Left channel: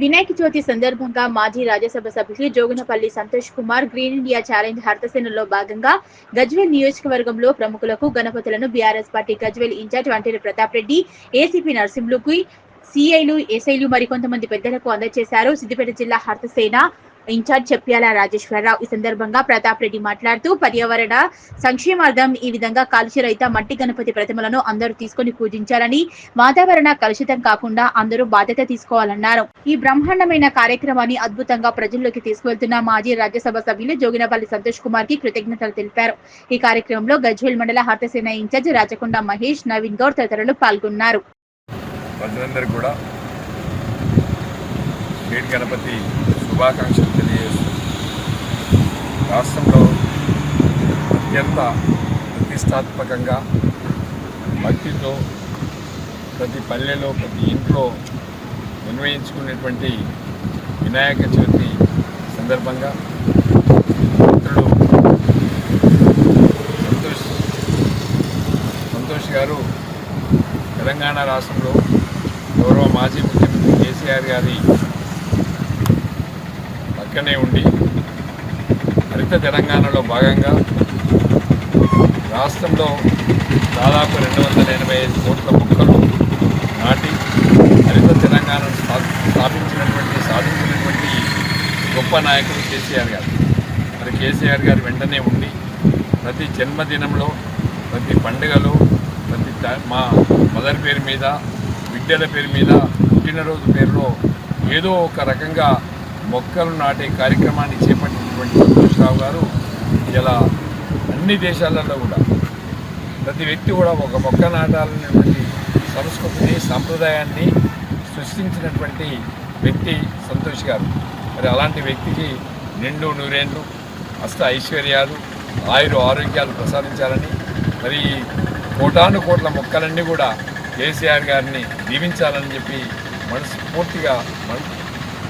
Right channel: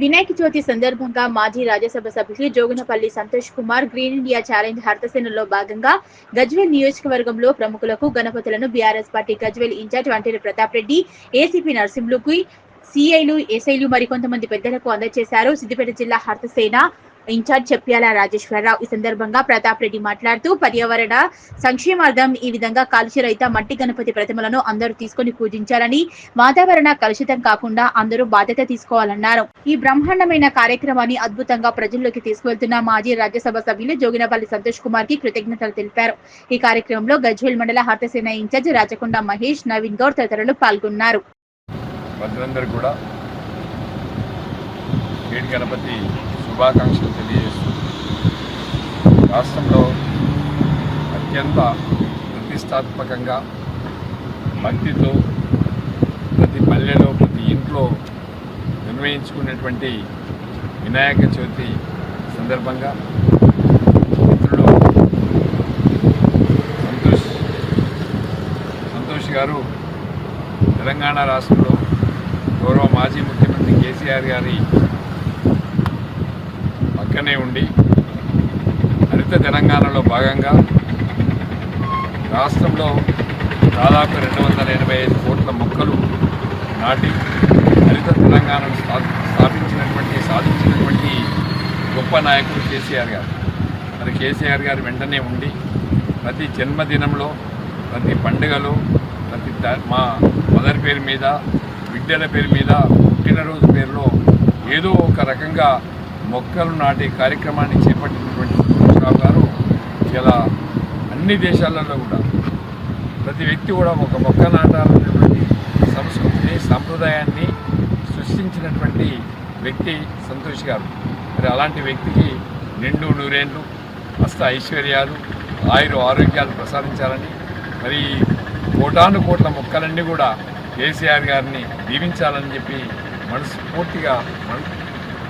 వినాయక చవితి సందర్భంగా మాజీ రాజ్యసభ సభ్యులు Joginapalli Santosh Kumar green India challenge హర్తసేనలో భాగంగా గజ్వేల్ నియోజకవర్గంలో ప్రముఖులకు గణపతులను BRS party Gajwel incharge Vanteru Pratap Reddy, ACP నరసింహులుకు, సీఐలు, ఎస్ఐలు మరికొంతమంది పెద్దలకు అందజేశారు. సిద్దిపేట జిల్లా హర్తసేన ఇన్ఛార్జ్ చెప్పాల రాజేశ్వరరావు. ఈ సందర్భంగా ప్రతాప్ రెడ్డి మాట్లాడుతూ పర్యావరణ సంక్షేమార్థం ఈ విధంగా కాలుష్య రహిత మట్టి గణపతి ప్రతిమలను అందరూ తీసుకొని పూజించాలని, వాతావరణ కలుషితం కాకుండా అందరూ బాధ్యత తీసుకోవాలన్నారు. ఈ బ్రహ్మాండమైన కార్యక్రమాన్ని అద్భుతంగా ప్రజల్లోకి తీసుకువెళ్తున్న మాజీ రాజ్యసభ సభ్యులు జోగినపల్లి సంతోష్ కుమార్ కి కృతజ్ఞతలు తెలిపారు. ఈ కార్యక్రమంలో గజ్వేల్ మండల హర్తసేన ఇన్ఛార్జ్ రాచకొండ మహేష్, నవీన్ గౌడ్ తదితరులు పాల్గొన్నారు. గణపతి శుభాకాంక్షలు తెలియజేస్తూ రాష్ట్రంలో అత్యంత ప్రతిష్టాత్మకంగా భక్తితో ప్రతి పల్లెలో ప్రతి ఇంట్లో నిర్వహించుకునేటువంటి వినాయక చవితి సందర్భంగా మిత్రులు సంతోష్ గారు తెలంగాణ రాష్ట్రంలో గౌరవ మాజీ ముఖ్యమంత్రి కేసీఆర్ గారి పక్కనే ఉండి హరిత తెలంగాణలో భాగంగా రాష్ట్రంలో దాదాపు 285 కోట్ల మొక్కలు నాటి హరిత తెలంగాణను సాధించినటువంటి గొప్ప నాయకుడు కేసీఆర్ గారు. మరి కేసీఆర్ గారు వెంటనే ఉండి ప్రతి జన్మదినంలో, ప్రతి పండుగలో, ప్రతి మా మదర్ పేరు మీద, బిడ్డల పేరు మీద, పుట్టినరోజు పేరులో ఏదో ఒక రకంగా మొక్కలు నాటే కార్యక్రమాన్ని చేపట్టినటువంటి సంతోషరావు గారు ఇలా అన్ని దేశాలలో కూడా ప్రతి వ్యక్తి కూడా ఒక మొక్క నాటాలనేటువంటి సంస్కృతిని, సాంప్రదాయాన్ని సృష్టించినటువంటి వ్యక్తి సంతోష్ గారు. మరి అలాంటి వ్యక్తికి నిండు నూరేళ్ళు అష్ట ఐశ్వర్యాలు, ఆరోగ్యాలు ప్రసాదించాలని, మరి కోటాను కోట్ల మొక్కలన్నీ కూడా కేసీఆర్ గారిని దీవించాలని చెప్పి మనస్ఫూర్తిగా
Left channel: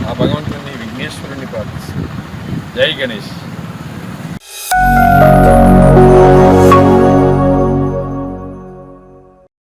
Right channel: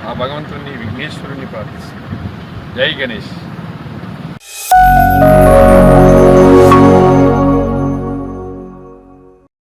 ఆ భగవంతుని విఘ్నేశ్వరుని ప్రార్థిస్తున్నాం. జై గణేష్.